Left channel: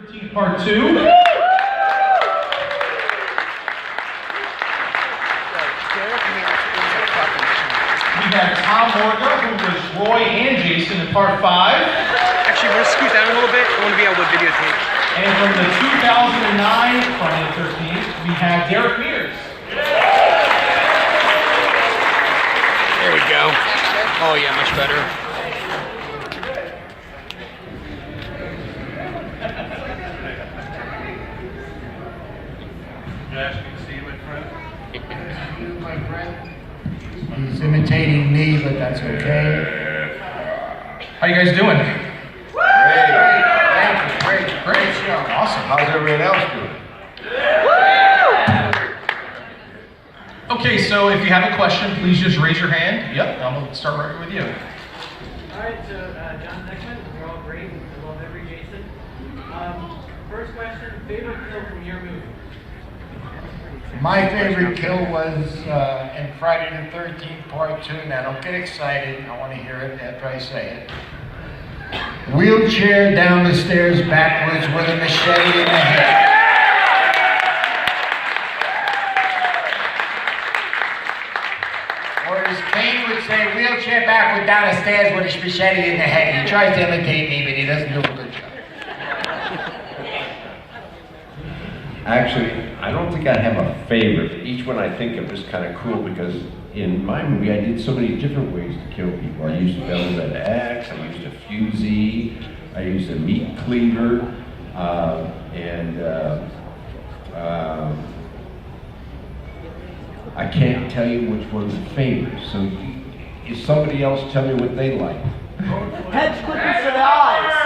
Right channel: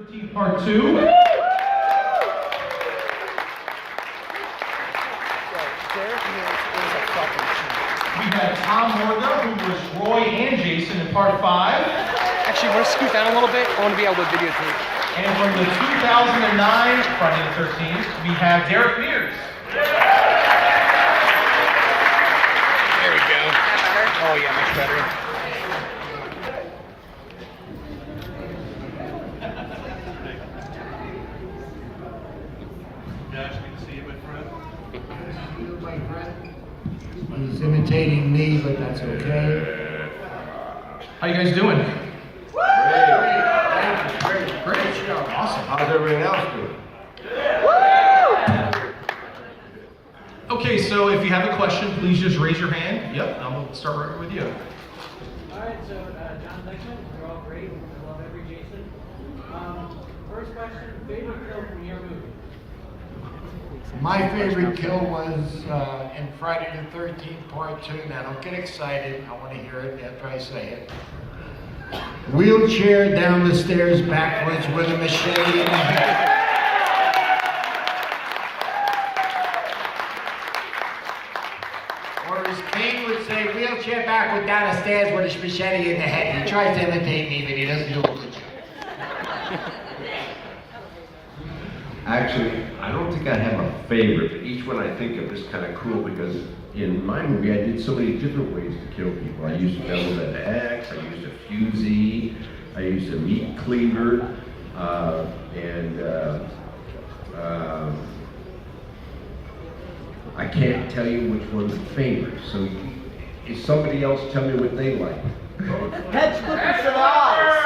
13th, part 2. We have Tom Morga, who was Roy and Jason in part 5. Actually, want to scoot down a little bit? I want to be able to videotape. And from the 2009 Friday the 13th, we have Mears. There we go. Is that better? Oh yeah, much better. Josh, can you see you in front? You, my friend. He's imitating me, but that's okay. How you guys doing? Great show. Awesome. How's everyone else doing? Okay, so if you have a question, please just raise your hand. Yep, I'm going to start right with you. All right, so John Dickman, you're all great. I love every Jason. First question, favorite kill from your movie? My favorite kill was in Friday the 13th, part 2. Now, don't get excited. I want to hear it after I say it. Wheelchair down the stairs backwards with a machete in the head. Or as Kane would say, wheelchair backward down the stairs with a machete in the head. He tries to imitate me, but he doesn't do a good job. Actually, I don't think I have a favorite. Each one I think of is kind of cool because in my movie I did so many different ways to kill people. I used a gun with an axe, I used a fusee, I used a meat cleaver, I can't tell you which one's a favorite. So if somebody else tell me what they like. Heads, clippers, and eyes.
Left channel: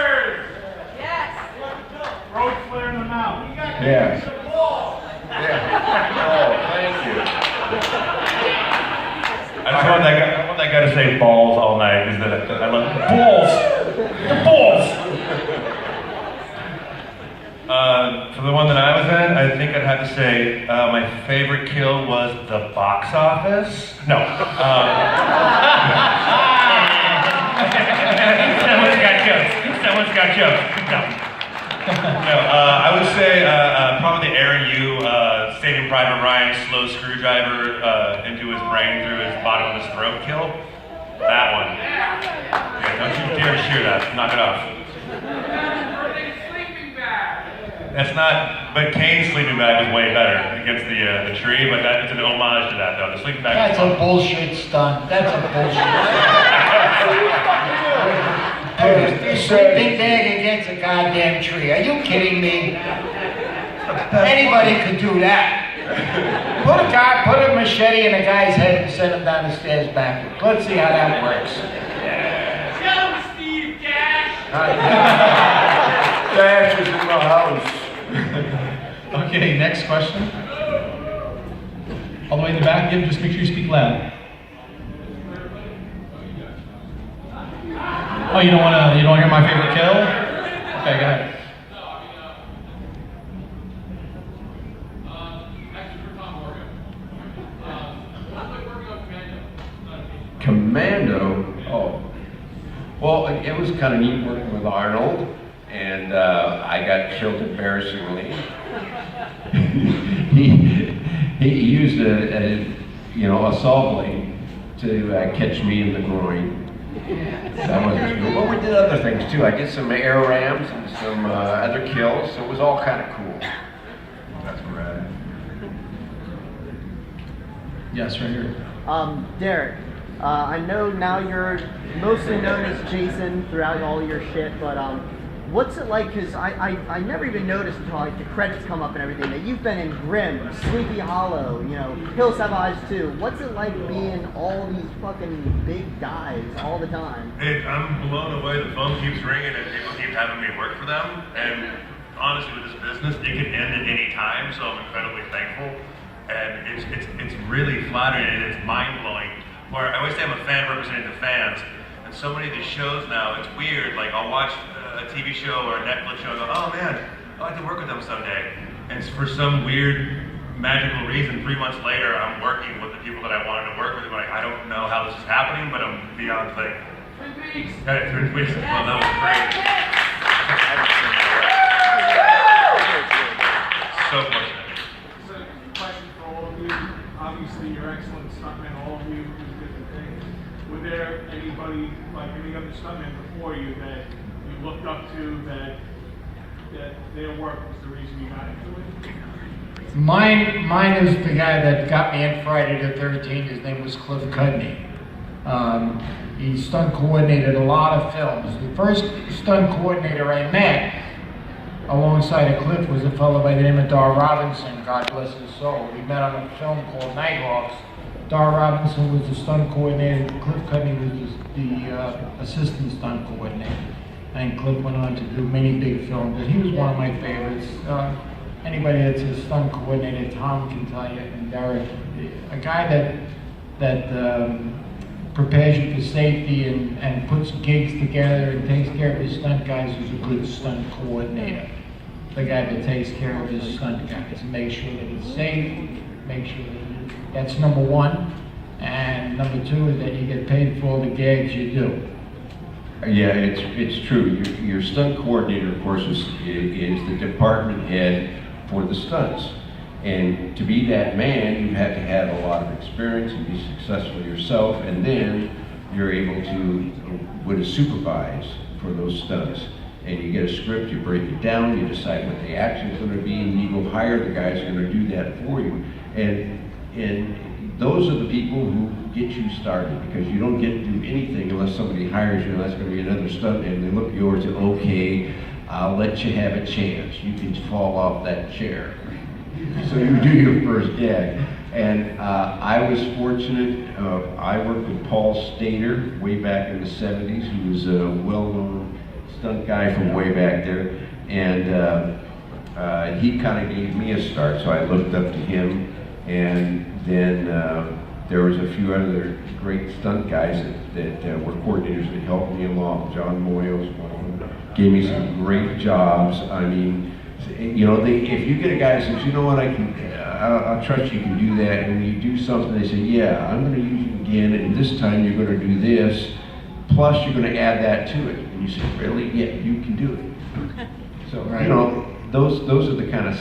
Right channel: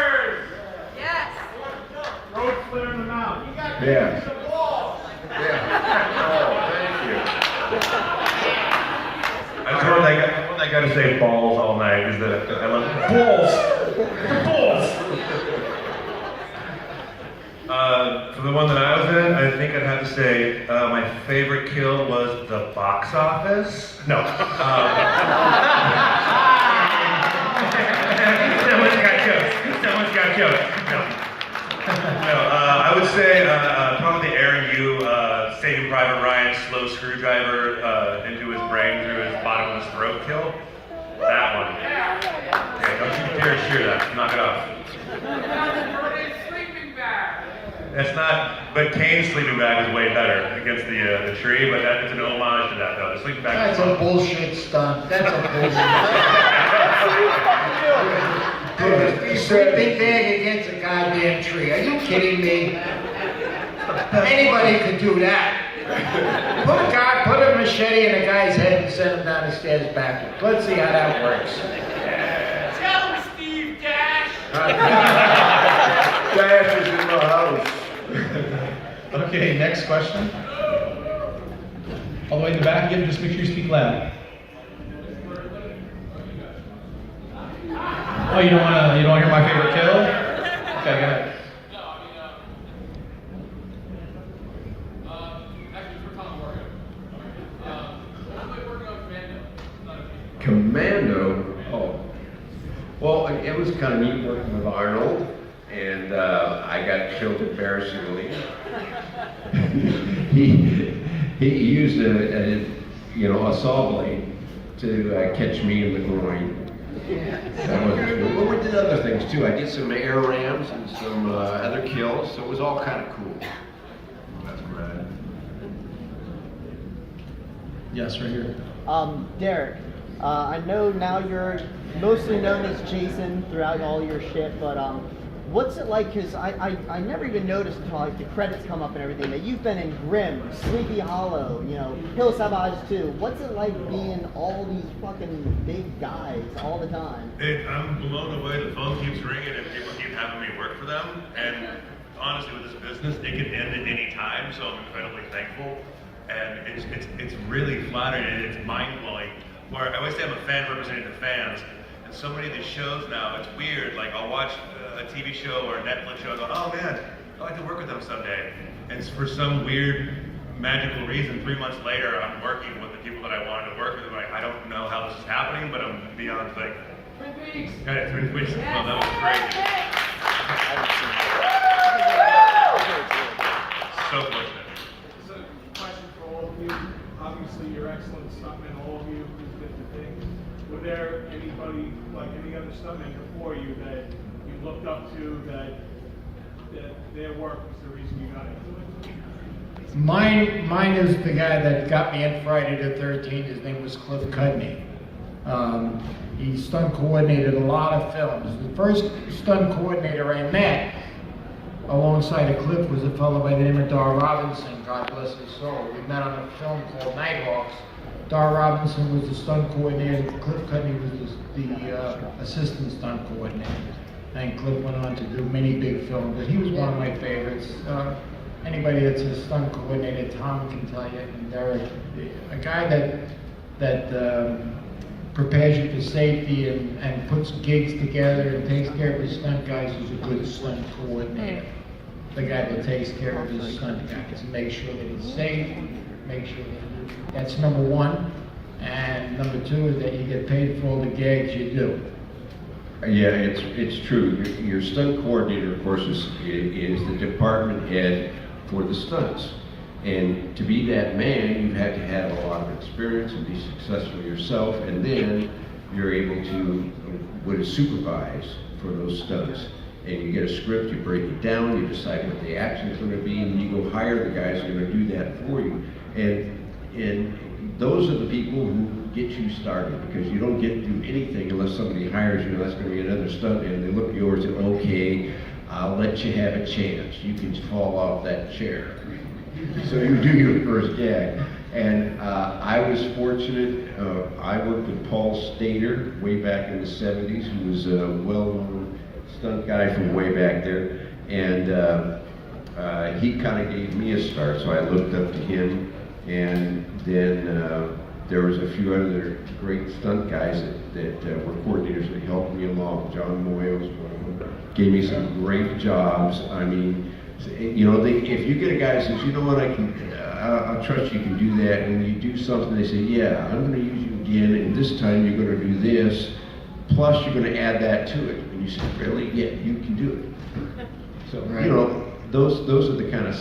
Road flare in the mouth. Yeah. Oh, thank you. I just want that guy to say balls all night. Is that I love balls. Balls. For the one that I was in, I think I'd have to say my favorite kill was the box office. No. Someone's got jokes. No. I would say probably the Aaron Yu Saving Private Ryan slow screwdriver into his brain through his bottom of his throat kill. That one. Yeah, don't you dare shoot that. Knock it off. That's not, but Kane's sleeping bag is way better against the tree, but it's an homage to that though. The sleeping bag. That's a bullshit stunt. That's a bullshit stunt. The sleeping bag against a goddamn tree. Are you kidding me? Anybody could do that. Put a machete in a guy's head and send him down the stairs backwards. Let's see how that works. Tell him, Steve Dash! Dash is in the house. Okay, next question. All the way in the back, again, just make sure you speak loud. Oh, you don't want to hear my favorite kill? Okay, go ahead. Commando? Oh. Well, it was kind of neat working with Arnold, and I got killed embarrassingly. he used a saw blade to catch me in the groin. That wasn't good. Well, we did other things too. I did some air rams and some other kills, so it was all kind of cool. That's right. Yes, right here. Derek, I know now you're mostly known as Jason throughout all your shit, but what's it like? Because I never even noticed until like the credits come up and everything that you've been in Grimm, Sleepy Hollow, Hills Have Eyes too. What's it like being all these fucking big guys all the time? Hey, I'm blown away. The phone keeps ringing and people keep having me work for them. And honestly, with this business, it can end at any time. So I'm incredibly thankful. And it's really flattering and it's mind blowing. Where I always say I'm a fan representing the fans. And so many of these shows now, it's weird. Like I'll watch a TV show or a Netflix show and go, oh man, I'd like to work with them someday. And for some weird magical reason, 3 months later, I'm working with the people that I wanted to work with. I'm like, I don't know how this is happening, but I'm beyond thankful. 3 weeks. 3 weeks. Well, that was great. anybody, like any other stuntman before you that you looked up to, that their work was the reason you got into it? Mine is the guy that got me in Friday the 13th. His name was Cliff Cudney. He stunt coordinated a lot of films. The first stunt coordinator I met alongside of Cliff was a fellow by the name of Dar Robinson, God bless his soul. We met on a film called Nighthawks. Dar Robinson was the stunt coordinator, Cliff Cudney was the assistant stunt coordinator. And Cliff went on to do many big films, but he was one of my favorites. Anybody that's a stunt coordinator, Tom can tell you, and Derek, a guy that prepares you for safety and puts gigs together and takes care of his stunt guys is a good stunt coordinator. The guy that takes care of his stunt guys and makes sure that it's safe, make sure that that's number one. And number two is that you get paid for all the gags you do. Yeah, it's true. Your stunt coordinator, of course, is the department head for the stunts. And to be that man, you have to have a lot of experience and be successful yourself, and then you're able to supervise for those stunts. And you get a script, you break it down, you decide what the action's going to be, and you go hire the guys who are going to do that for you. And those are the people who get you started, because you don't get to do anything unless somebody hires you, and that's going to be another stunt, and they look at yours and, okay, I'll let you have a chance. You can fall off that chair. So you do your first gag. And I was fortunate, I worked with Paul Stater way back in the 70s. He was a well-known stunt guy from way back there. And he kind of gave me a start, so I looked up to him. And then there was a few other great stunt guys that were coordinators that helped me along. John Moy was one of them. Gave me some great jobs. I mean, you know, if you get a guy who says, you know what, I'll trust you can do that, and you do something, they say, yeah, I'm going to use you again, and this time you're going to do this, plus you're going to add that to it. And you say, really? Yeah, you can do it. So, you know, those are the kind of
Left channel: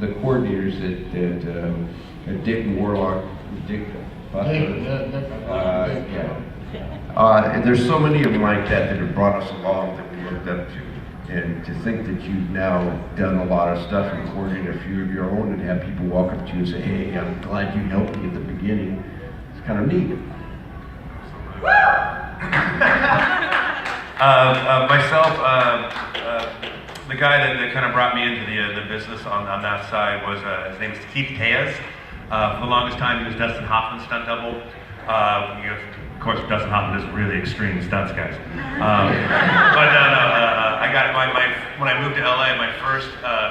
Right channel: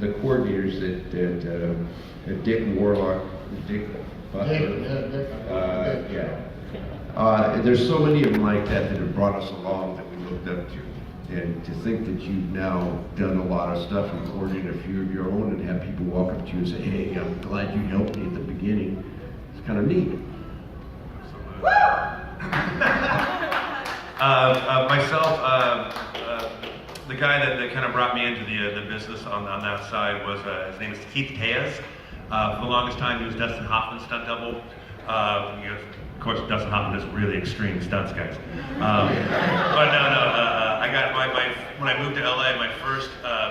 the coordinators that Dick and Warlock, Dick Butler, yeah. There's so many of them like that have brought us along that we looked up to. And to think that you've now done a lot of stuff and coordinated a few of your own, and have people walk up to you and say, hey, I'm glad you helped me at the beginning. It's kind of neat. Myself, the guy that kind of brought me into the business on that side was, his name is Keith Tejas. For the longest time, he was Dustin Hoffman's stunt double. Of course, Dustin Hoffman does really extreme stunts, guys. I got when I moved to LA, my first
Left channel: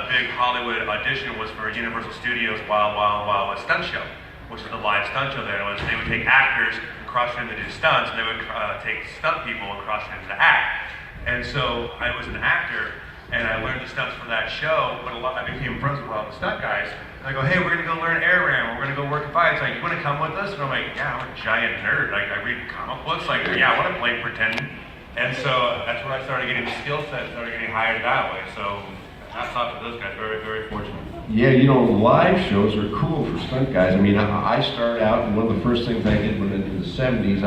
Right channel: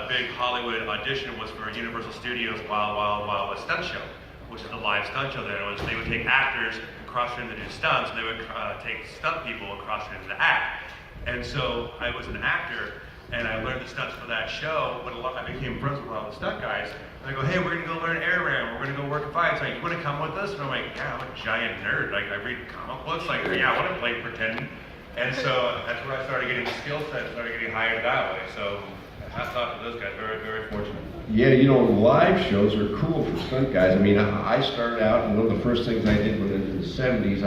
big Hollywood audition was for Universal Studios Wild Wild West Stunt Show, which is the live stunt show there. They would take actors and cross-train them to do stunts, and they would take stunt people and cross-train them to act. And so I was an actor, and I learned the stunts for that show, but I became friends with a lot of the stunt guys. And I go, hey, we're gonna go learn air ram, we're gonna go work fights. Like, you wanna come with us? And I'm like, yeah, I'm a giant nerd. Like, I read comic books. Like, yeah, I wanna play pretend. And so that's where I started getting the skill set, started getting hired that way. So hats off to those guys, very, very fortunate. Yeah, you know, live shows are cool for stunt guys. I mean, I started out, and one of the first things I did in the 70s,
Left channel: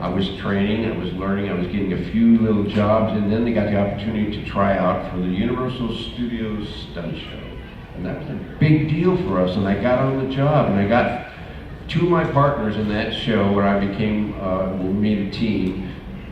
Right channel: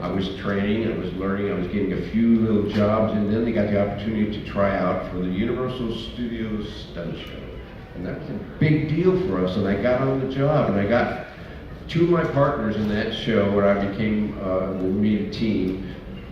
I was training, I was learning, I was getting a few little jobs, and then they got the opportunity to try out for the Universal Studios Stunt Show. And that was a big deal for us, and I got on the job, and I got two of my partners in that show where I became, we made a team,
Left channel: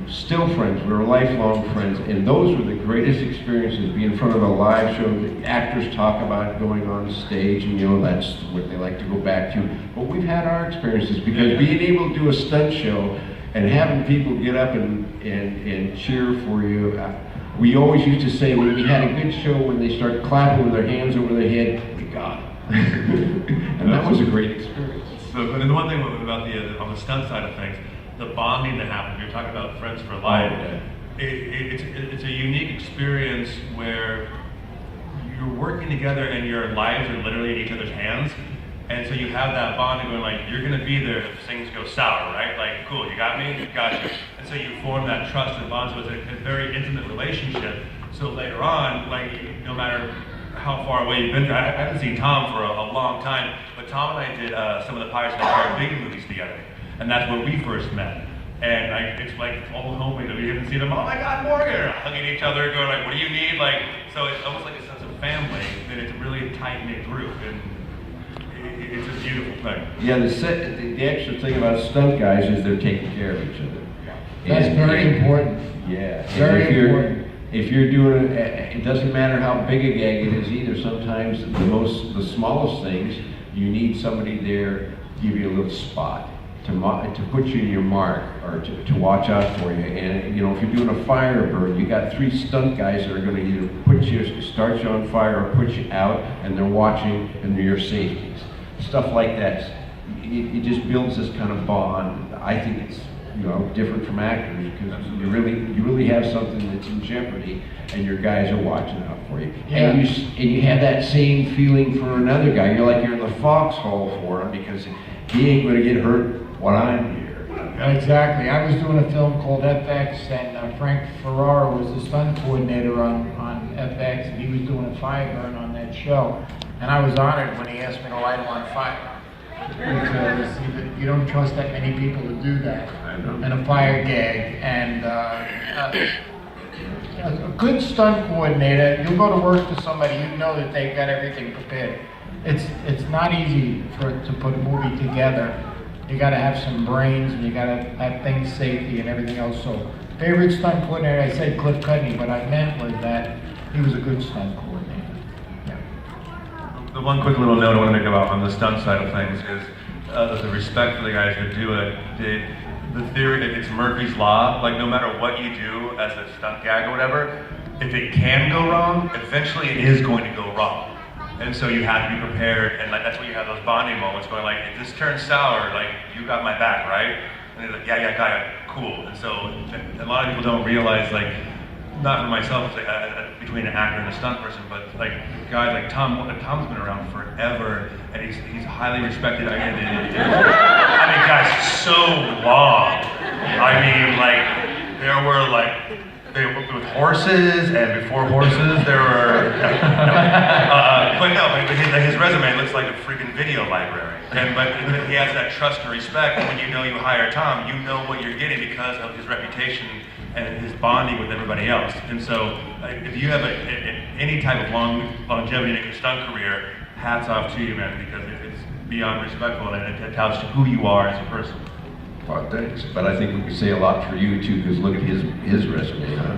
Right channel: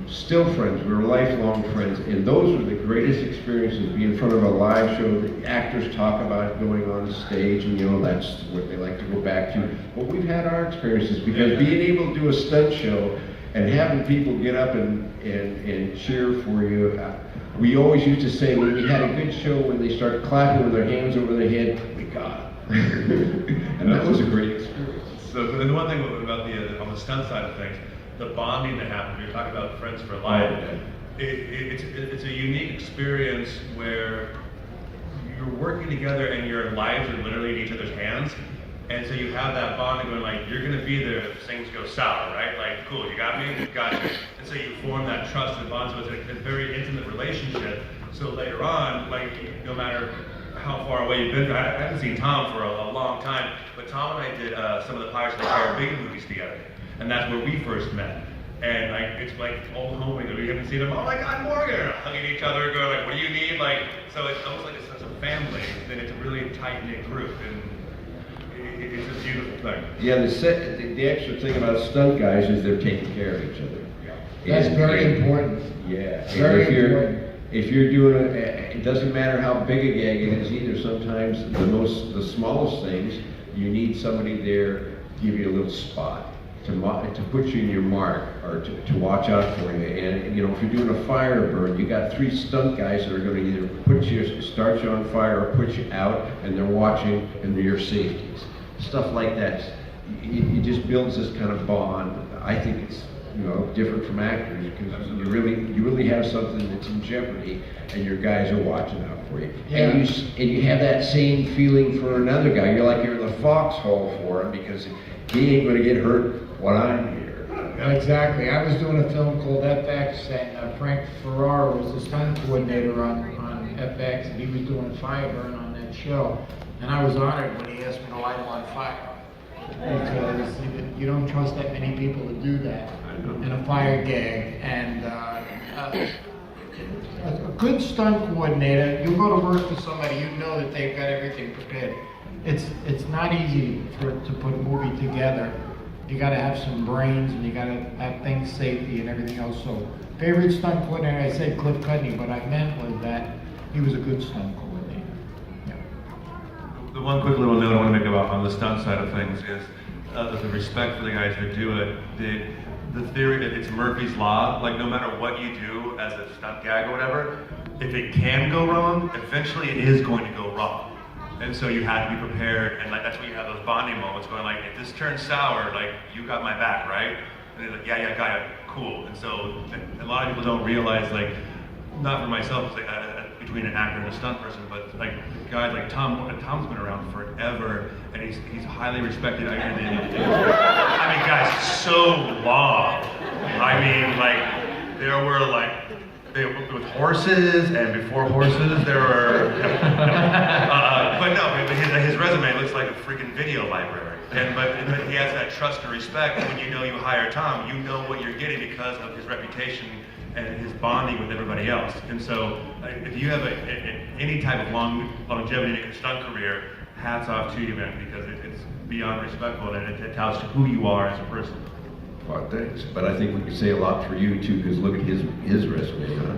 still friends, we were lifelong friends, and those were the greatest experiences, being in front of a live show that actors talk about going on stage, and you know, that's what they like to go back to. But we've had our experiences, because being able to do a stunt show and having people get up and cheer for you, we always used to say when we had a good show, when they started clapping with their hands over their head, we got it. And that was a great experience. So, and the one thing about on the stunt side of things, the bonding that happens, you're talking about friends for life, it's a unique experience where you're working together and your lives are literally in each other's hands. And so you have that bond going like, you're gonna be there if things go sour, right? Like, cool, you got me, got you. And so you form that trust and bond, so it's a very intimate relationship. So later on, like, no matter how far away you've been, I haven't seen Tom for a long time, but Tom and I did some of the Pirates of the Caribbean movies together. And that's where we first met. And it's like all hoping that we haven't seen them. Oh my God, Morga! Hugging each other, going like, "What do you need?" Like, so it's almost like a sense of family. That it's a really tight knit group, and it's a beautiful thing. Yeah, the extra thing about stunt guys is they're taking care of each other. That's very important. Yeah. Very important. If you're doing it doesn't matter how big a gag it is either. Sometimes the smallest things, you need somebody there to give you a little spot, to put you in your mark, or to watch out for you. And you know, if you're doing a fire burn, you got 3 stunt guys that are going to either start you on fire or put you out, and they're watching and they're your safeties. Stuff like that. It just builds this kind of bond. I think it's, you know, different from actors, because you really have something that's in jeopardy, and your guys are watching out for you. Yeah. And you have that same feeling for another guy. You're like you're in the foxhole for him, because he ain't going to get hurt while I'm here. Exactly. I was doing a film called FX, and Frank Ferrara was the stunt coordinator on FX, and he was doing a fire burn on that show. And I was honored when he asked me to light him on fire, because you don't trust that many people to do that in a fire gag. And a good stunt coordinator, you go to work for somebody, you know that they've got everything prepared. It's not easy to put a movie together. You got to have some brains, and you got to have things safety and everything else. So, favorite stunt coordinator, I said Cliff Cudney, but I meant was that he was a good stunt coordinator. Yeah. The one quick little note I want to make about on the stunt side of things is the respect for the guys who do it. The theory that it's Murphy's Law, like no matter what you do as a stunt gag or whatever, if it can go wrong, eventually it is going to go wrong. And so you have to be prepared, and like that's why you have those bonding moments going like, if this turns sour, like, you got my back, right? And they're like, yeah, got it, cool. And so a lot of people don't realize, like, not for myself, it's like, between an actor and a stunt person, but like guys like Tom's been around forever, and he's highly respected. I mean, guys, so long. I mean, like, there were like, they worked with horses, and before horses, there were. But no, his resume looks like a freaking video library. But he has that trust and respect. And when you know you hire Tom, you know what you're getting because of his reputation and his bonding with everybody else. And so, if you have any type of longevity in your stunt career, hats off to you, man, because it's beyond respectful, and it tells you who you are as a person. Well, thanks. But I think we can say a lot for you too, because look at his resume, huh?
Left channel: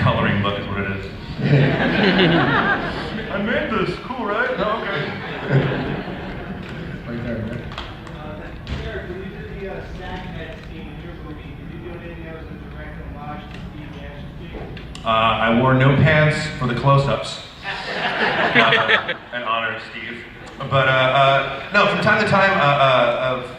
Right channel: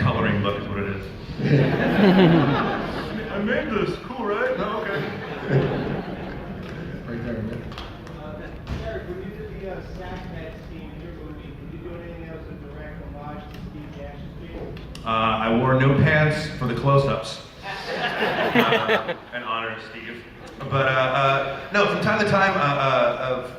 Coloring book is what it is. I made this. Cool, right? No, okay. Right there, right? Eric, when you did the snack net scene in your movie, did you do anything that was a direct homage to Steve action scene? I wore no pants for the close-ups. An honor to Steve. But no, from time to time,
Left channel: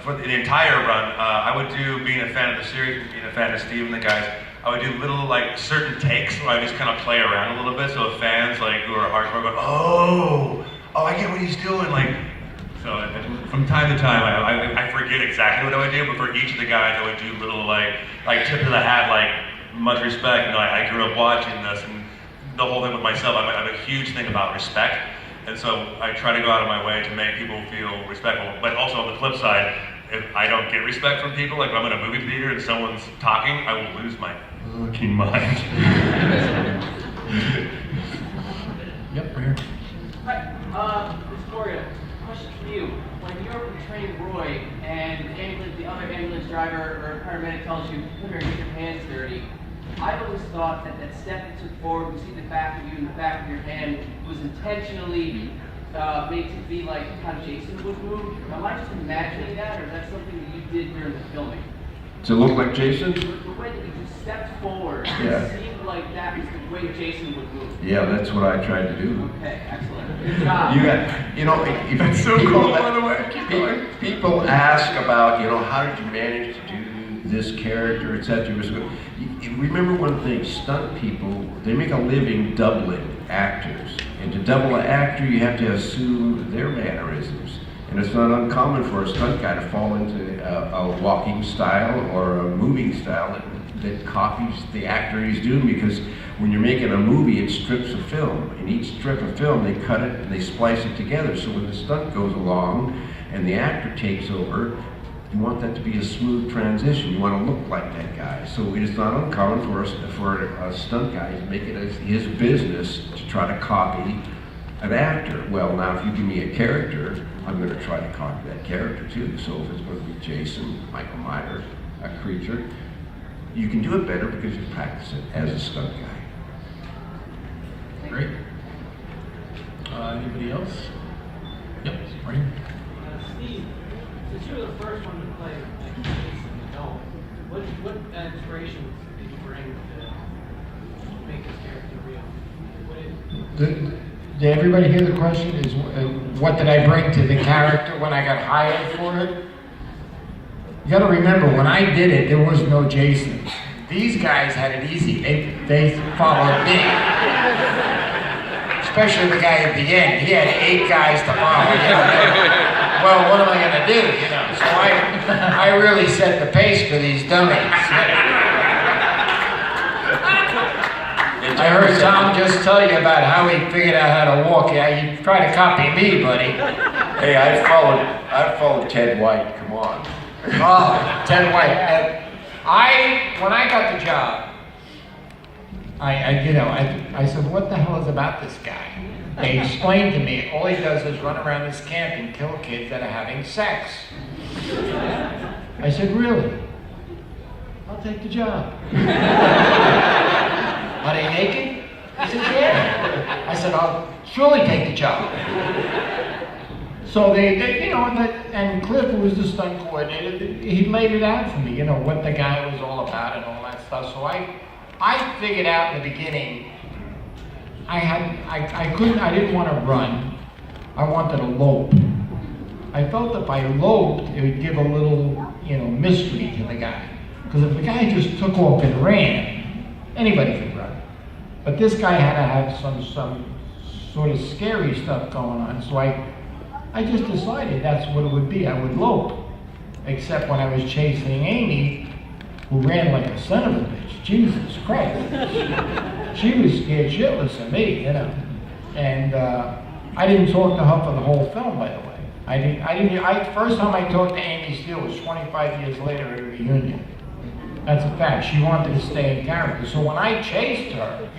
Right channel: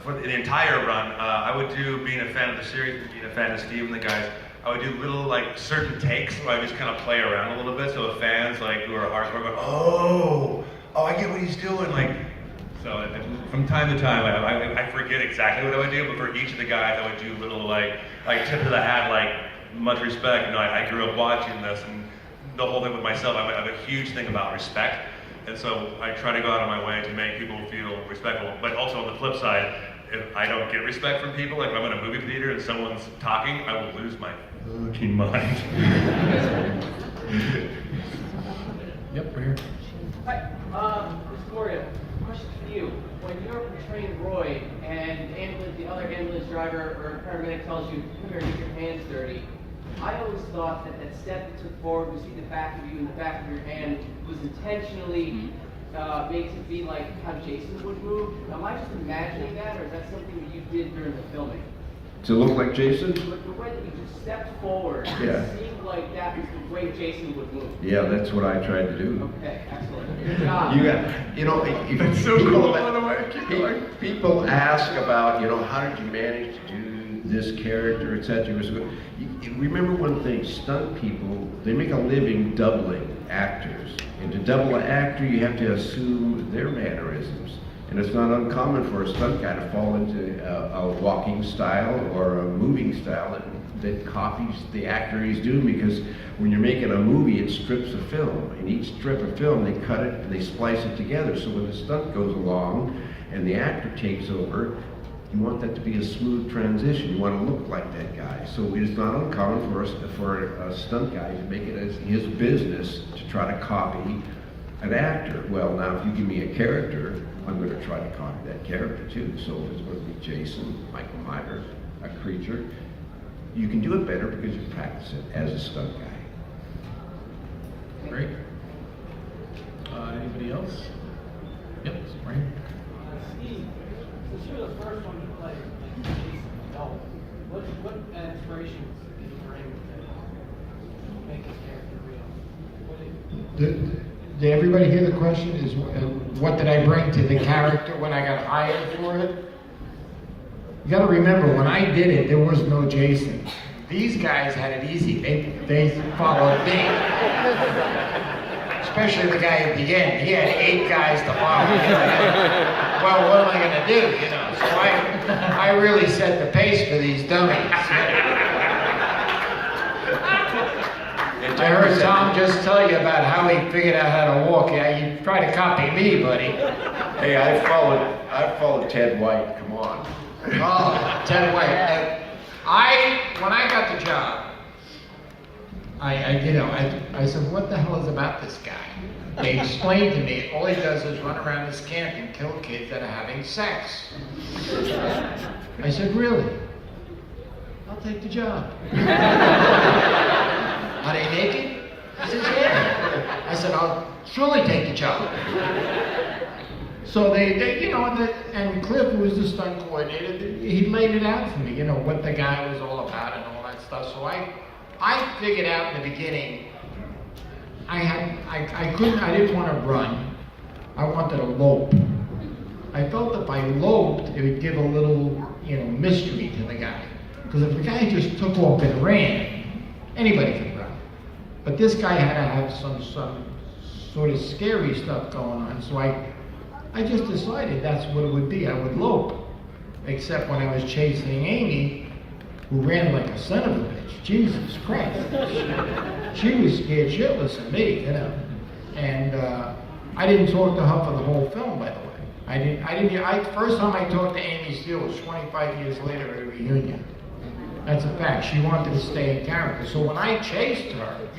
for the entire run, I would do, being a fan of the series, being a fan of Steve and the guys, I would do little, like, certain takes where I just kind of play around a little bit, so fans, like, who are hardcore go, oh, I get what he's doing, like. So from time to time, I forget exactly what I would do, but for each of the guys, I would do little, like tip of the hat, like, much respect. You know, I grew up watching this, and the whole thing with myself, I have a huge thing about respect. And so I try to go out of my way to make people feel respectful. But also on the flip side, if I don't get respect from people, like if I'm in a movie theater and someone's talking, I will lose my fucking mind. Yep, we're here. Hi, Victoria, question for you. When you're portraying Roy and the other ambulance driver or paramedic tells you, come here, get your hands dirty, I've always thought that that step you took forward, we see the back of you and the back of your hand, was intentionally made to be like how Jason would move. Am I just imagining that, or is that something that you did during the filming? To look like Jason? The way that you just stepped forward, Yeah. it seemed like that was the way Jason would move. Yeah, that's what I tried to do. Okay, excellent. Good job. That's so cool, by the way. People ask about, how did you manage to do this character, etc. Remember one thing, stunt people, they make a living doubling actors. And to double an actor, you have to assume their mannerisms. And it's not uncommon for a stunt guy to fall into a walking style or a moving style that copies the actor he's doing, because when you're making a movie, it strips of film. In each strip of film, they cut it and they splice it together. So when the stunt goes along and the actor takes over, You want that to be a smooth transition. You want to look like that guy. So it is not uncommon for a stunt guy to make it as his business to try to copy an actor. Well, now if you give me a character, I'm going to try to copy that character too. So if it's going to be Jason, Michael Myers, a creature, you can do it better because you practice it as a stunt guy. Great. Anybody else? Yep, Marty. Steve, since you were the first one to play Jason adult, what inspirations did you bring to make this character real? Did everybody hear the question? Is what did I bring to the character when I got hired for it? You got to remember, when I did it, there was no Jason. These guys had it easy. They followed me. Especially the guy at the end. He had 8 guys to follow. You know? Well, what am I going to do? You know, so I really set the pace for these dummies. I heard Tom just tell you about how he figured out how to walk. Yeah, you try to copy me, buddy. Hey, I followed Ted White. Come on. Oh, Ted White. When I got the job, I said, what the hell is about this guy? They explained to me, all he does is run around this camp and kill kids that are having sex. I said, really? I'll take the job. Are they naked? He said, yeah. I said, I'll surely take the job. So and Cliff, who was the stunt coordinator, he laid it out for me, what the guy was all about and all that stuff. So I figured out in the beginning, I didn't want to run. I wanted to lope. I felt if I loped, it would give a little, mystery to the guy. Because if the guy just took off and ran, anybody could run. But this guy had to have some sort of scary stuff going on. So I just decided that's what it would be. I would lope. Except when I was chasing Amy, who ran like a son of a bitch. Jesus Christ. She was scared shitless of me, And I didn't talk to her for the whole film, by the way. First time I talked to Amy Steele was 25 years later at a reunion. That's a fact. She wanted to stay in character. So when I chased her,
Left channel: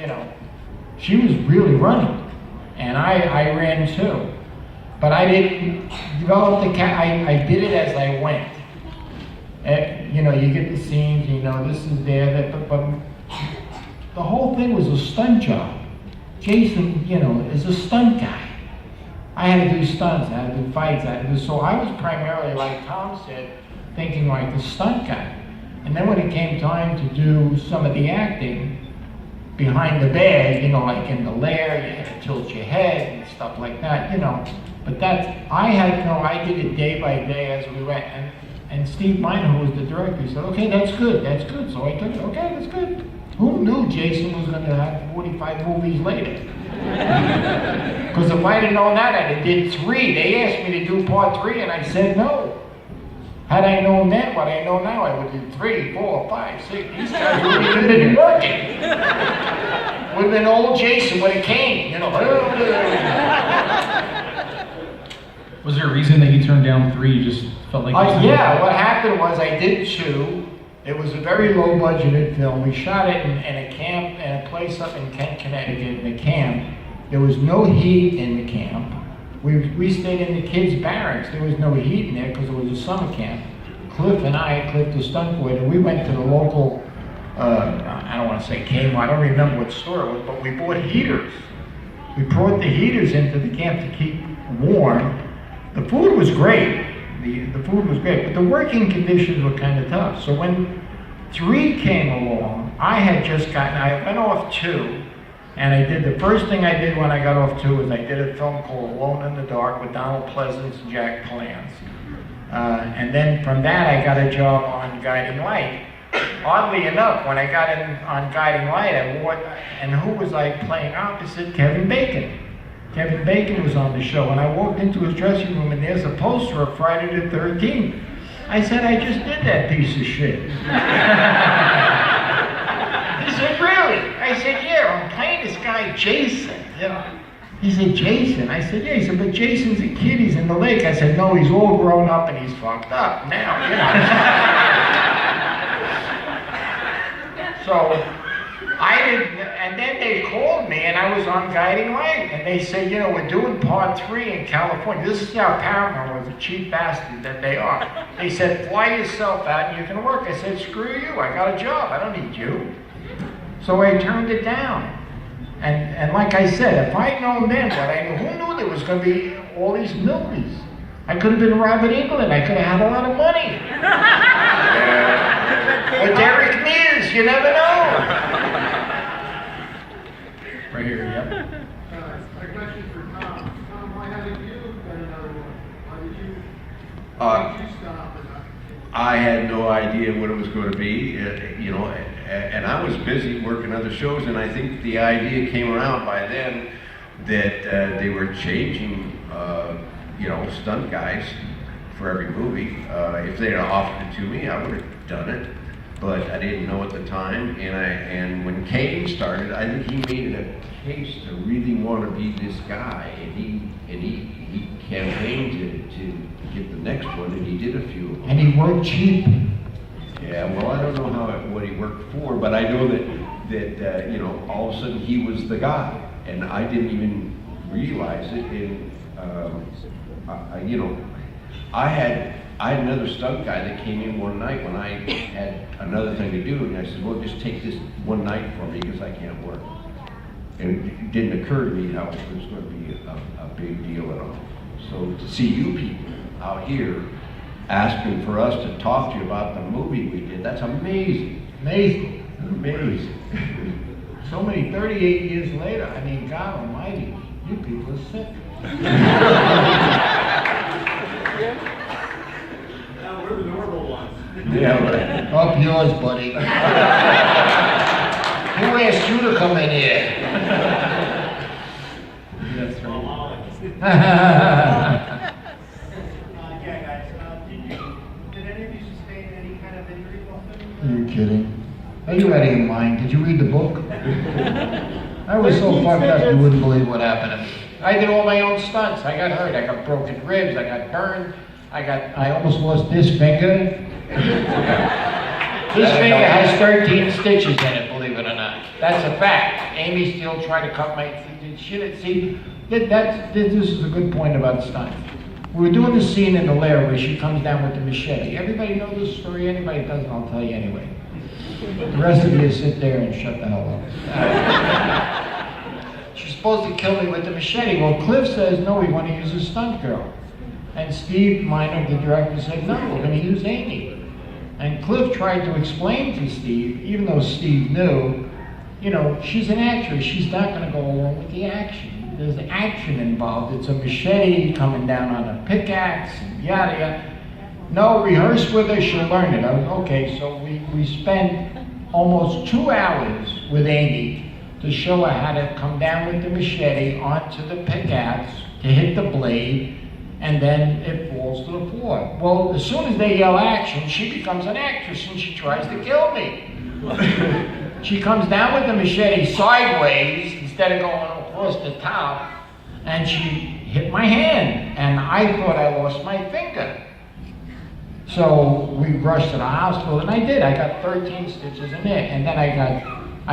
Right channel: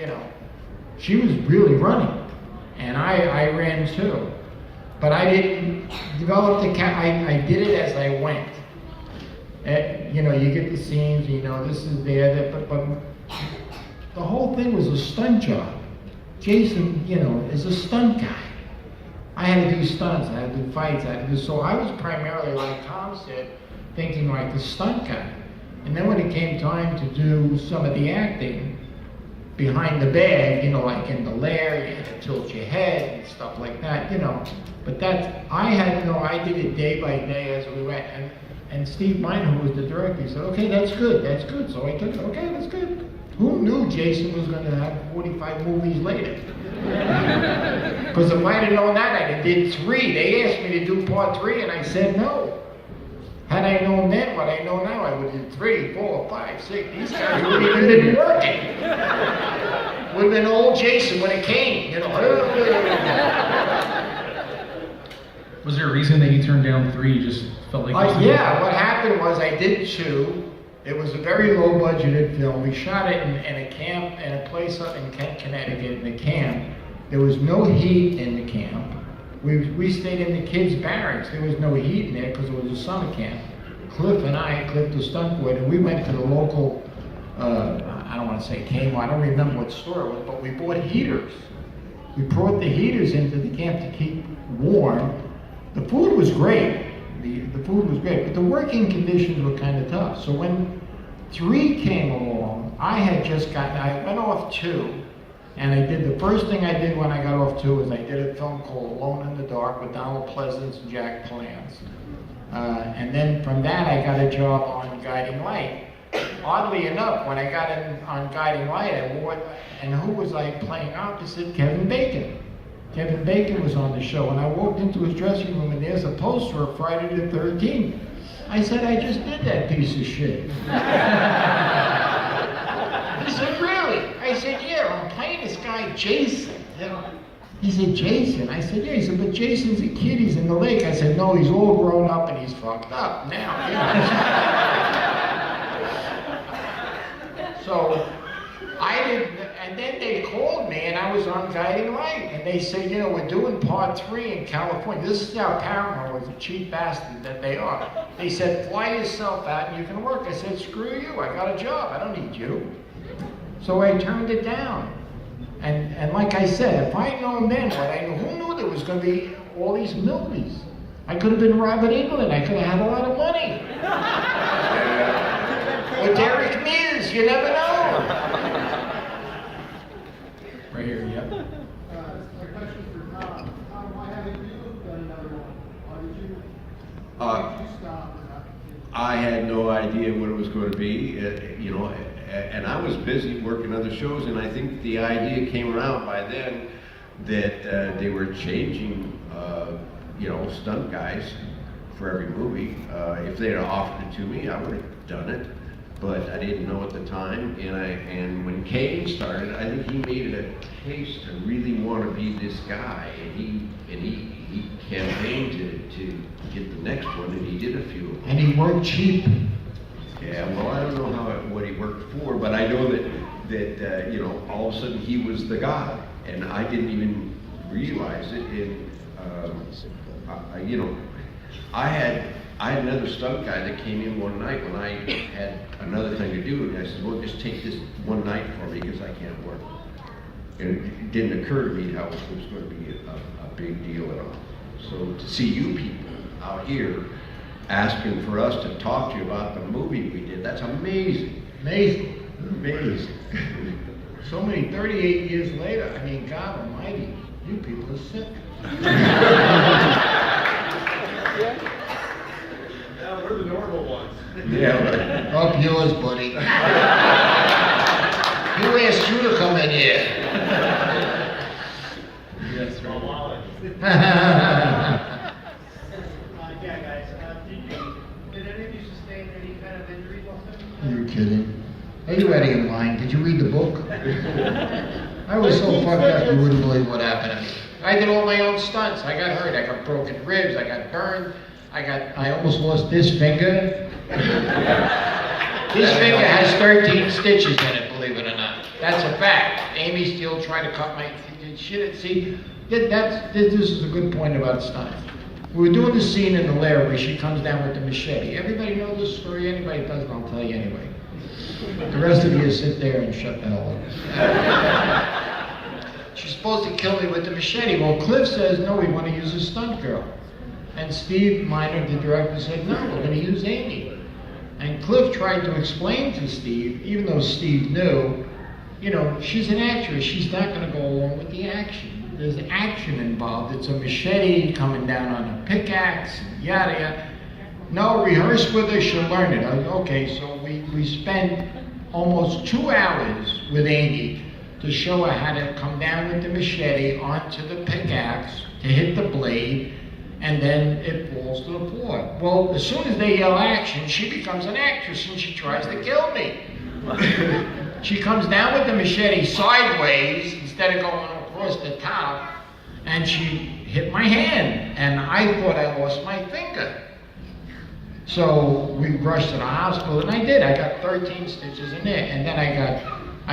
she was really running. And I ran too. But I didn't develop I did it as I went. You get the scenes, this is there, but the whole thing was a stunt job. Jason, is a stunt guy. I had to do stunts, I had to do fights, so I was primarily, like Tom said, thinking like the stunt guy. And then when it came time to do some of the acting behind the bag, like in the lair, you had to tilt your head and stuff like that, But I did it day by day as we went. And Steve Miner, who was the director, he said, okay, that's good. So I took it, okay, that's good. Who knew Jason was going to have 45 movies later? Because if I had known that, I'd have did 3. They asked me to do part 3, and I said no. Had I known then what I know now, I would do 3, 4, 5, 6. These guys wouldn't even been working. Would have been old Jason with a cane, Was there a reason that you turned down 3? You just felt like... Yeah, what happened was I did 2. It was a very low budgeted film. We shot it in a camp, in a place up in Kent, Connecticut, in a camp. There was no heat in the camp. We stayed in the kids' barracks. There was no heat in there because it was a summer camp. Cliff the stunt coordinator, we went to the local, I don't want to say Kmart, I don't remember what store it was, but we bought heaters. We brought the heaters into the camp to keep warm. The food was great. The food was great, but the working conditions were kind of tough. So when 3 came along, I went off 2, and the first thing I did when I got off 2 was I did a film called Alone in the Dark with Donald Pleasance and Jack Palance. And then from that, I got a job on Guiding Light. Oddly enough, when I got in on Guiding Light, and who was I playing opposite? Kevin Bacon. Kevin Bacon was on the show, and I walked into his dressing room, and there's a poster of Friday the 13th. I said, I just did that piece of shit. He said, really? I said, yeah, I'm playing this guy Jason, He said, Jason? I said, yeah. He said, but Jason's a kid, he's in the lake. I said, no, he's all grown up and he's fucked up now, you know. So, I didn't, and then they called me and I was on Guiding Light. And they said, you know, we're doing part 3 in California. This is how Paramount was, a cheap bastard that they are. They said, fly yourself out and you can work. I said, screw you, I got a job, I don't need you. So I turned it down. And like I said, if I'd known then what I knew, who knew there was going to be all these movies? I could have been Robert England, I could have had a lot of money. Or Derek Mears, you never know. Right here, yep. A question for Tom. Tom, why haven't you got another one? Why did you stop or not? I had no idea what it was going to be, you know, and I was busy working other shows, and I think the idea came around by then that they were changing, you know, stunt guys for every movie. If they had offered it to me, I would have done it, but I didn't know at the time. And when Kane started, I think he made a case to really want to be this guy, and he campaigned to get the next one, and he did a few of them. And he worked cheap. Yeah, well, I don't know what he worked for, but I know that you know, all of a sudden he was the guy, and I didn't even realize it. You know, I had another stunt guy that came in one night when I had another thing to do, and I said, well, just take this one night for me because I can't work. And it didn't occur to me how it was going to be a big deal at all. So to see you people out here asking for us to talk to you about the movie we did, that's amazing. Amazing. Amazing. So many, 38 years later, I mean, God almighty, you people are sick. Now we're the normal ones. Yeah, right. Up yours, buddy. Who asked you to come in here? That's Yeah, guys. Did any of you sustain any kind of injury while filming? Are you kidding? Are you out of your mind? Did you read the book? I was so fucked up, you wouldn't believe what happened to me. I did all my own stunts. I got hurt. I got broken ribs. I got burned. I almost lost this finger. This finger has 13 stitches in it, believe it or not. That's a fact. Amy Steele tried to cut my shit. See, this is a good point about stunts. We were doing the scene in the lair where she comes down with the machete. Everybody know this story? Anybody doesn't, I'll tell you anyway. The rest of you sit there and shut the hell up. She's supposed to kill me with the machete. Well, Cliff says, no, we want to use a stunt girl. And Steve Miner, the director, said, no, we're going to use Amy. And Cliff tried to explain to Steve, even though Steve knew, you know, she's an actress. She's not going to go along with the action. There's action involved. It's a machete coming down on a pickaxe, and yada yada. No, rehearse with her, she'll learn it. Okay, so we spent almost 2 hours with Amy to show her how to come down with the machete onto the pickaxe to hit the blade, and then it falls to the floor. Well, as soon as they yell action, she becomes an actress and she tries to kill me. She comes down with the machete sideways instead of going across the top, and she hit my hand, and I thought I lost my finger. So we rushed to the hospital, and I did. I got 13 stitches in it, and then I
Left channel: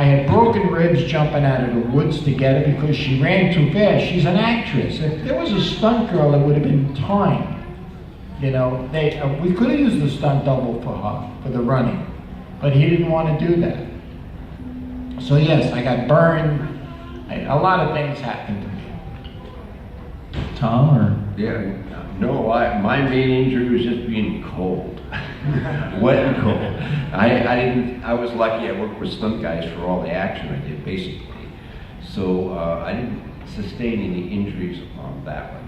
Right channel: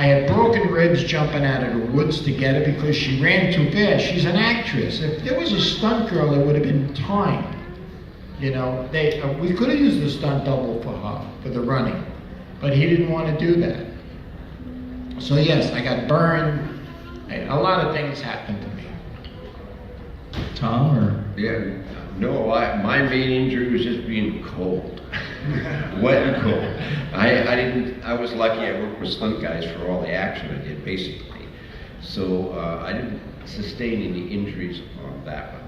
had broken ribs jumping out of the woods to get her because she ran too fast. She's an actress. If there was a stunt girl, it would have been time. You know, we could have used a stunt double for her, for the running, but he didn't want to do that. So yes, I got burned. A lot of things happened to me. Tom, or? Yeah, no, my main injury was just being cold. Wet and cold. I was lucky I worked with stunt guys for all the action I did, basically. So I didn't sustain any injuries on that one.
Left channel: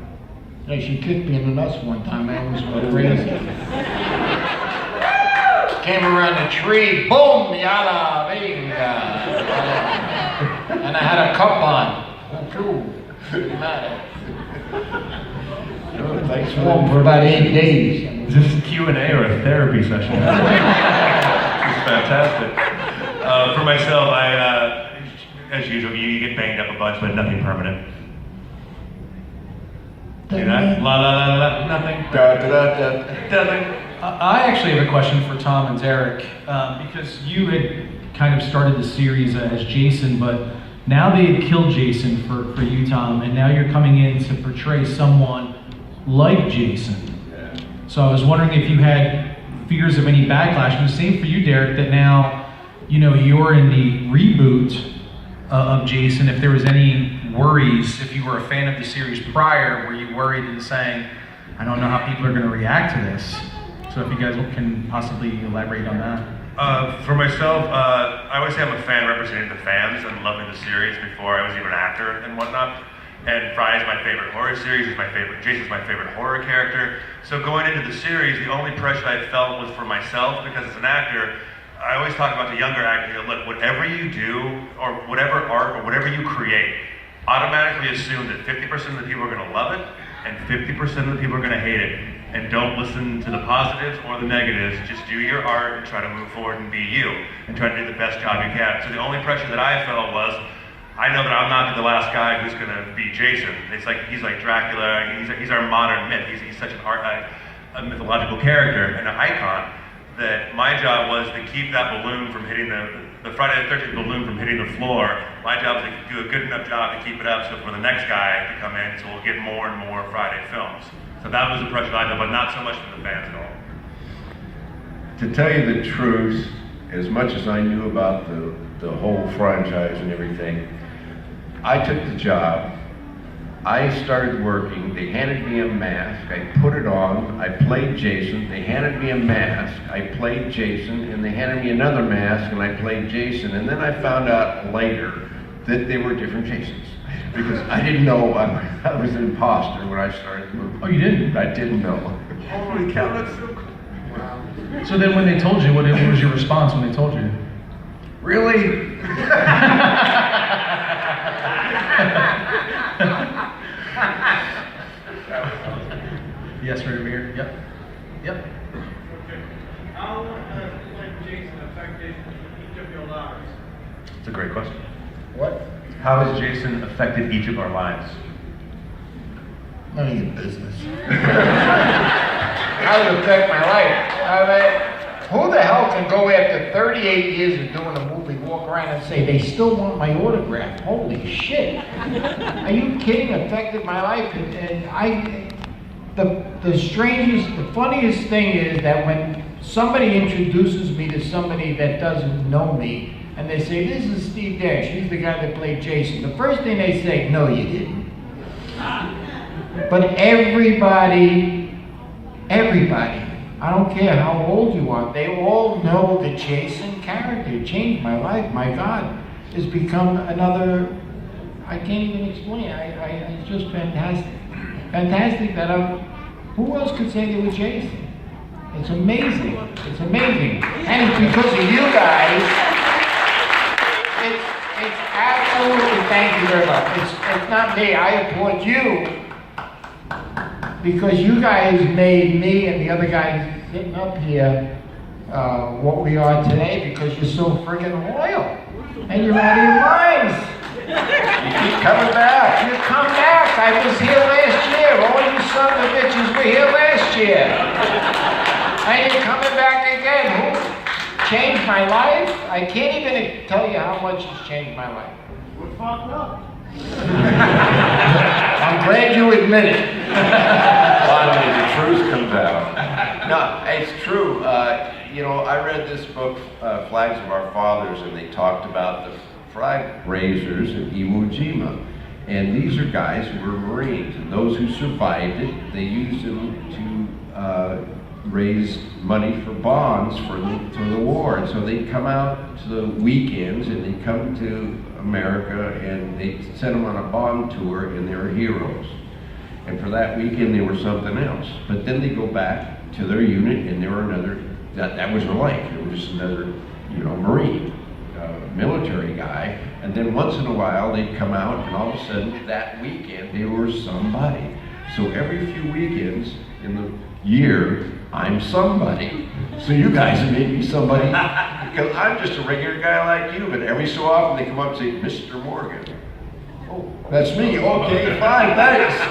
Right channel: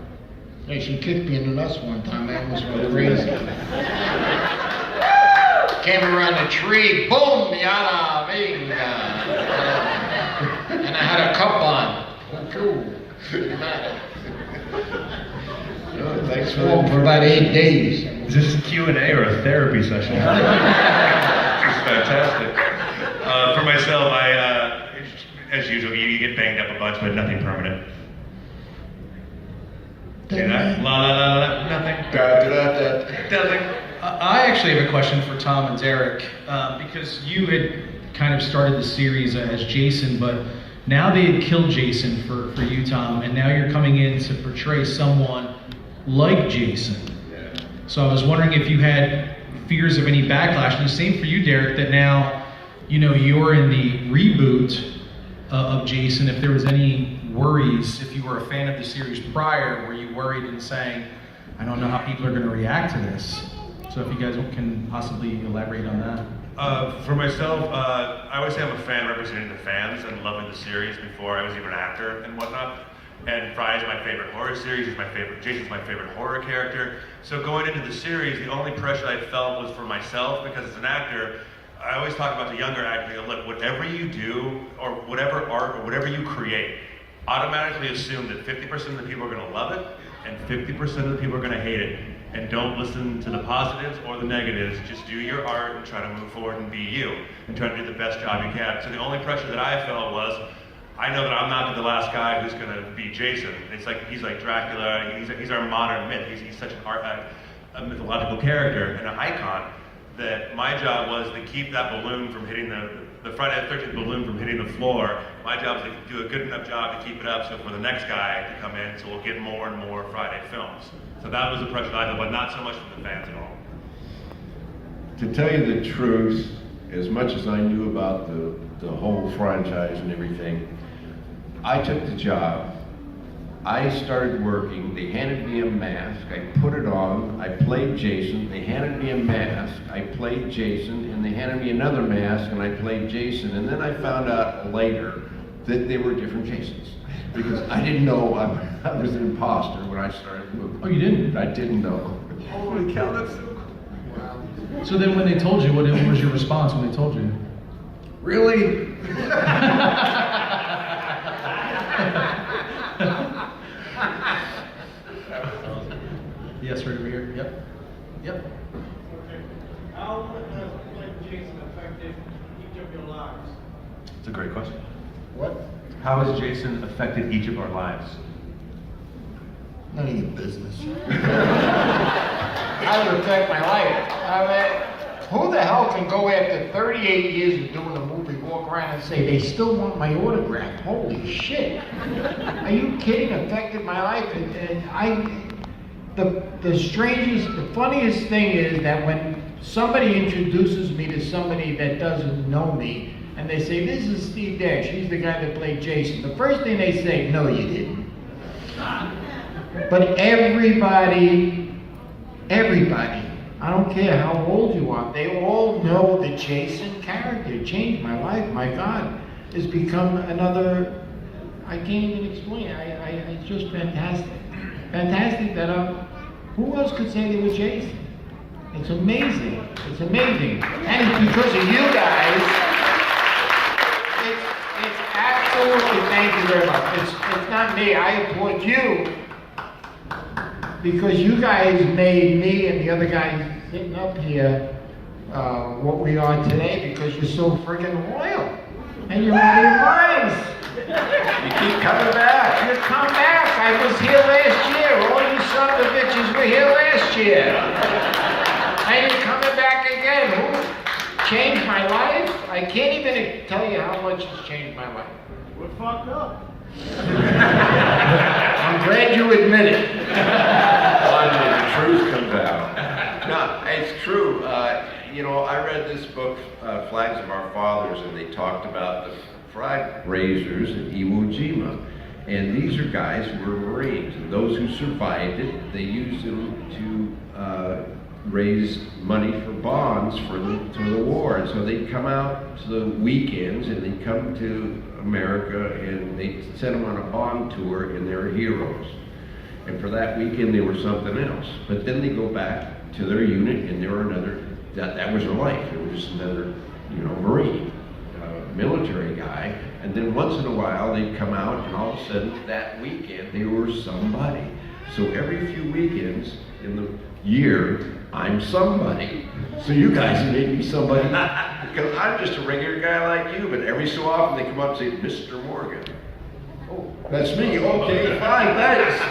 Yeah, she kicked me in the nuts one time. I almost went crazy. Came around a tree, boom, yada, venga. And I had a cup on. Cool. Didn't matter. Thanks for For about 8 days. Is this a Q&A or a therapy session? This is fantastic. For myself, as usual, you get banged up a bunch, but nothing permanent. La la la la, nothing. Nothing. I actually have a question for Tom and Derek, because you had kind of started the series as Jason, but now they had killed Jason for you, Tom, and now you're coming in to portray someone like Jason. So I was wondering if you had fears of any backlash, and the same for you, Derek, that now, you know, you're in the reboot of Jason, if there was any worries, if you were a fan of the series prior, were you worried and saying, I don't know how people are going to react to this? So if you guys can possibly elaborate on that. For myself, I always say I'm a fan representing the fans and loving the series before I was even an actor and whatnot. And Fry is my favorite horror series, Jason's my favorite horror character. So going into the series, the only pressure I felt was for myself, because as an actor, I always talk about the younger actor, look, whatever you do, or whatever art, or whatever you create, automatically assume that 50% of the people are gonna love it, and 50% of the people are gonna hate it. And don't listen to the positives or the negatives, just do your art and try to move forward and be you, and try to do the best job you can. So the only pressure that I felt was, I know that I'm not the last guy who's gonna be Jason. It's like, he's like Dracula, he's our modern myth. He's such a mythological character and an icon, that my job was to keep that balloon from hitting the Friday the 13th balloon from hitting the floor. My job is to do a good enough job to keep it up so for the next guy to come in, so we'll get more and more Friday films. So that was the pressure I felt, but not so much from the fans at all. To tell you the truth, as much as I knew about the whole franchise and everything, I took the job. I started working, they handed me a mask, I put it on, I played Jason, they handed me a mask, I played Jason, and they handed me another mask and I played Jason, and then I found out later that they were different Jasons. Because I didn't know I was an imposter when I started the movie. Oh, you didn't? I didn't know. Holy cow, that's so cool. Wow. So then when they told you, what was your response when they told you? Really? Yes, right over here. Yep. Yep. Okay. How has Jason affected each of your lives? It's a great question. What? How has Jason affected each of our lives? None of your business. How would it affect my life? Who the hell can go after 38 years of doing a movie, walk around and say, they still want my autograph? Holy shit. Are you kidding? Affected my life? The strangest, the funniest thing is that when somebody introduces me to somebody that doesn't know me, and they say, this is Steve Dash, he's the guy that played Jason. The first thing they say, no you didn't. But everybody, I don't care how old you are, they all know the Jason character. It changed my life, my God. It's become another, I can't even explain, it's just fantastic. Fantastic that who else could say they were Jason? It's amazing, it's amazing. And it's because of you guys, it's absolutely, thank you very much. It's not me, I applaud you, because you guys made me and the other guys sitting up here what we are today, because you're so friggin' loyal. And you're out of your minds. You keep coming back. You come back. I was here last year. All you sons of bitches were here last year. And you're coming back again. Who changed my life? I can't even tell you how much it's changed my life. We're fucked up. I'm glad you admit it. Finally, the truth comes out. No, it's true. You know, I read this book, Flags of Our Fathers, and they talked about the flag raisers in Iwo Jima. And these are guys who were Marines, and those who survived it, they used them to raise money for bonds for the war. And so they'd come out to the weekends, and they'd come to America, and they'd send them on a bond tour, and they were heroes. And for that weekend, they were something else. But then they go back to their unit, and they were another, that was their life. They were just another, you know, Marine, military guy. And then once in a while, they'd come out, and all of a sudden, that weekend, they were somebody. So every few weekends in the year, I'm somebody. So you guys made me somebody, because I'm just a regular guy like you, but every so often they come up and say, Mr. Morgan. Oh, that's me. Okay, fine, thanks.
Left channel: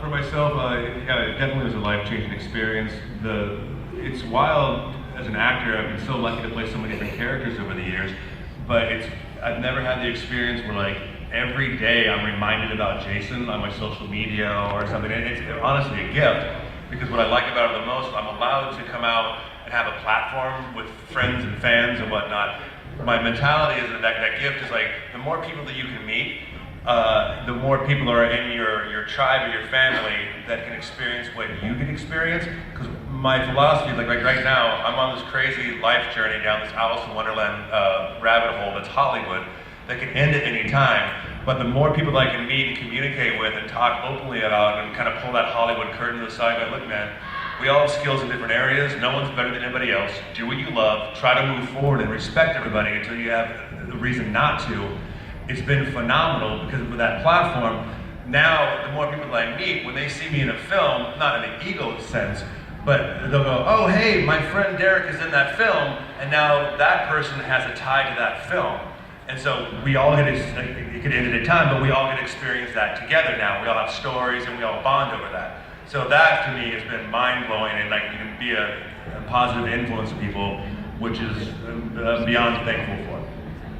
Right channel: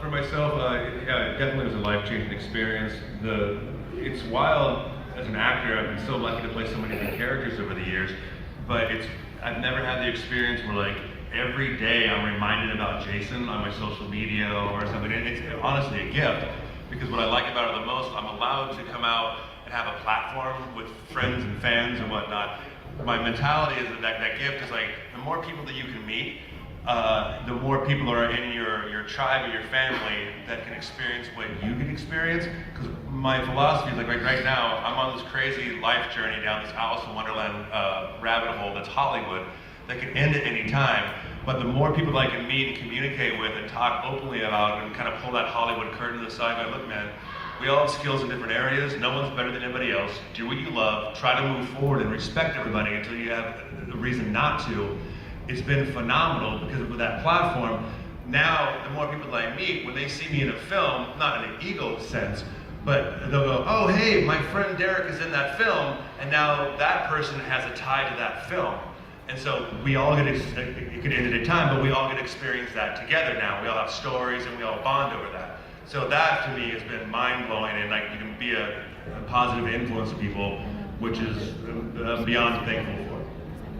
For myself, yeah, it definitely was a life-changing experience. It's wild as an actor. I've been so lucky to play so many different characters over the years, but I've never had the experience where like every day I'm reminded about Jason on my social media or something. And it's honestly a gift, because what I like about it the most, I'm allowed to come out and have a platform with friends and fans and whatnot. My mentality is that gift is like, the more people that you can meet, the more people are in your tribe or your family that can experience what you can experience. Because my philosophy is like right now, I'm on this crazy life journey down this Alice in Wonderland rabbit hole that's Hollywood that can end at any time. But the more people that I can meet and communicate with and talk openly about and kind of pull that Hollywood curtain to the side and go, look man, we all have skills in different areas. No one's better than anybody else. Do what you love. Try to move forward and respect everybody until you have a reason not to. It's been phenomenal because of that platform. Now, the more people that I meet, when they see me in a film, not in an ego sense, but they'll go, oh, hey, my friend Derek is in that film, and now that person has a tie to that film. And so we all get, it could end at a time, but we all get to experience that together now. We all have stories and we all bond over that. So that to me has been mind-blowing, and like you can be a positive influence to people, which is beyond thankful for.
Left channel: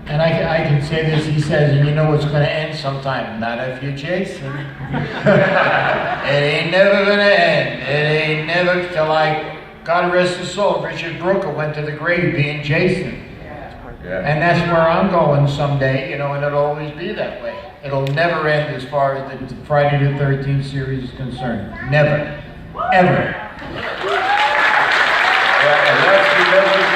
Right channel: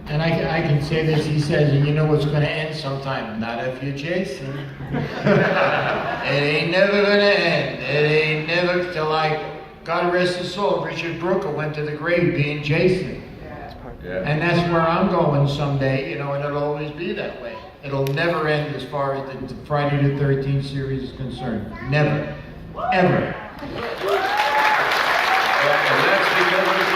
And I can say this, he says, and you know it's going to end sometime. Not if you're Jason. It ain't never going to end. It ain't never, till God rest his soul, Richard Brooker went to the grave being Jason. Yeah. And that's where I'm going someday, you know, and it'll always be that way. It'll never end as far as the Friday the 13th series is concerned. Never. Ever. Yeah, and that's because of you.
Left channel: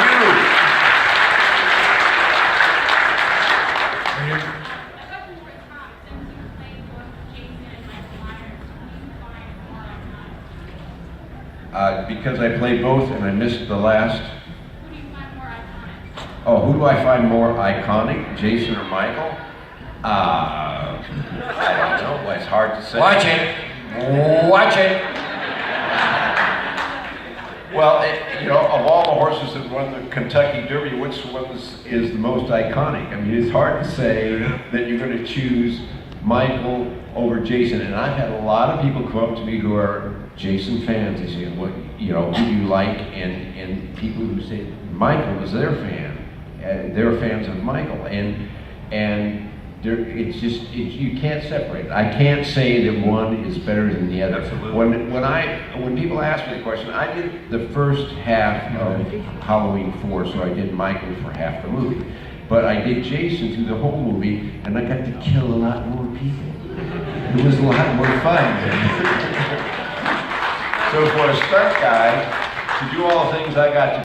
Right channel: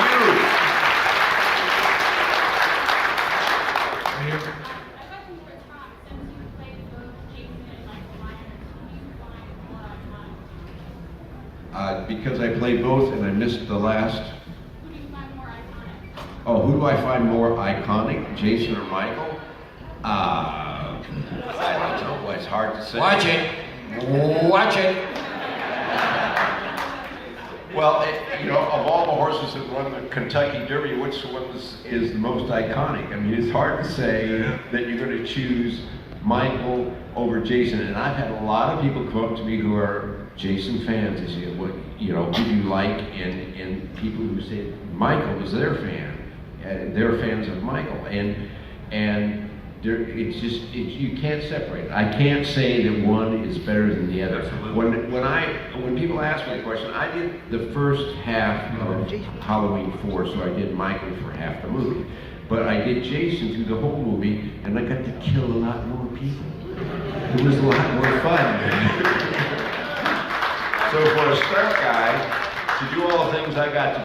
Because I play both and I missed the last. Oh, who do I find more iconic, Jason or Michael? I don't know. It's hard to say. Watch it. Watch it. Well, you know, of all the horses that won the Kentucky Derby, which one is the most iconic? I mean, it's hard to say that you're going to choose Michael over Jason. And I've had a lot of people come up to me who are Jason fans and say, what, you know, who do you like? And people who say Michael is their fan. They're fans of Michael, and it's just you can't separate. I can't say that one is better than the other. When people ask me the question, I did the first half of Halloween 4, so I did Michael for half the movie, but I did Jason through the whole movie, and I got to kill a lot more people. It was a lot more fun. So for a stunt guy to do all the things I got to